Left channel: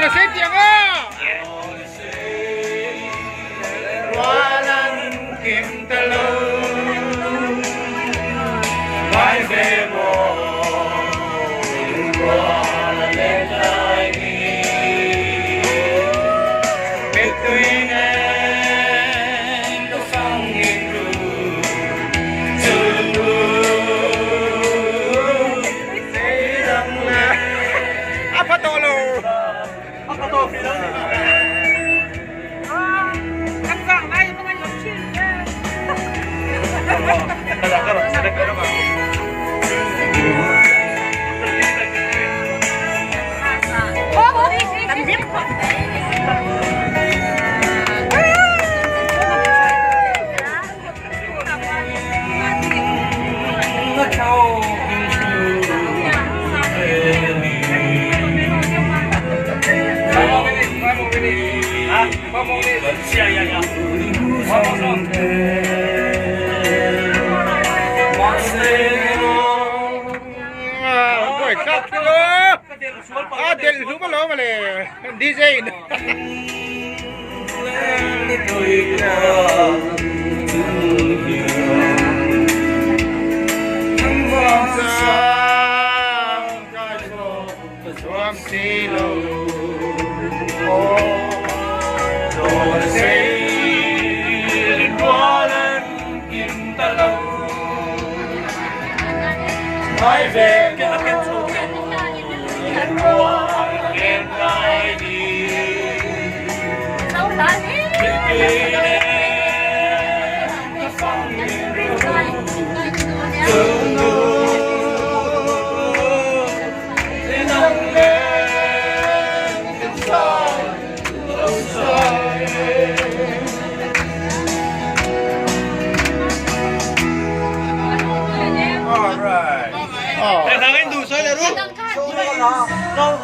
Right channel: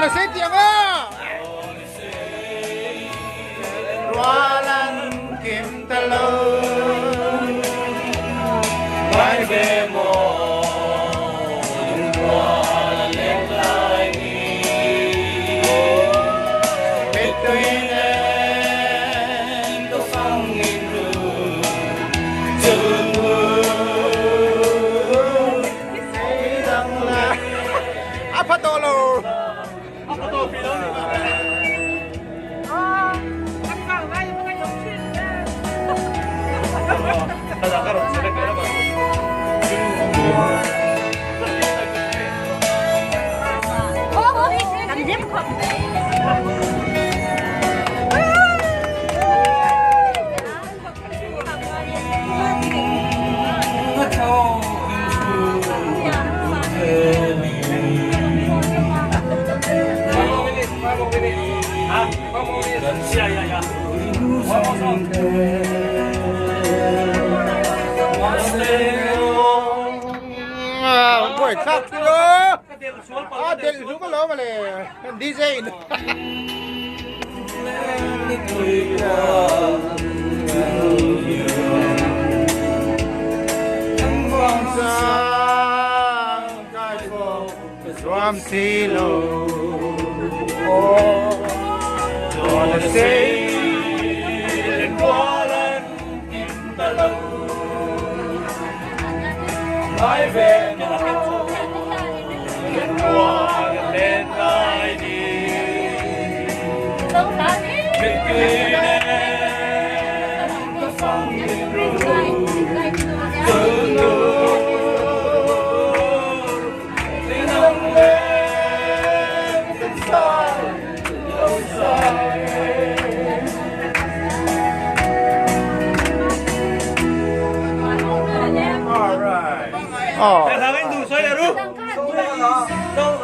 Gonna say tianga. Walang kimtalo. My baby. Wanna let like me. Between the songing room. Apa tolo? Apa to film ni? Karo, sedek karo ka. Tamdim ko. Boy, kakilo. Del sumalo male. DJ. From Silo. Don't say walang kimtalaw. My baby, walang ID. So, dali. Alright. Oh. Sa akin, dusoy, laro. Don't cut.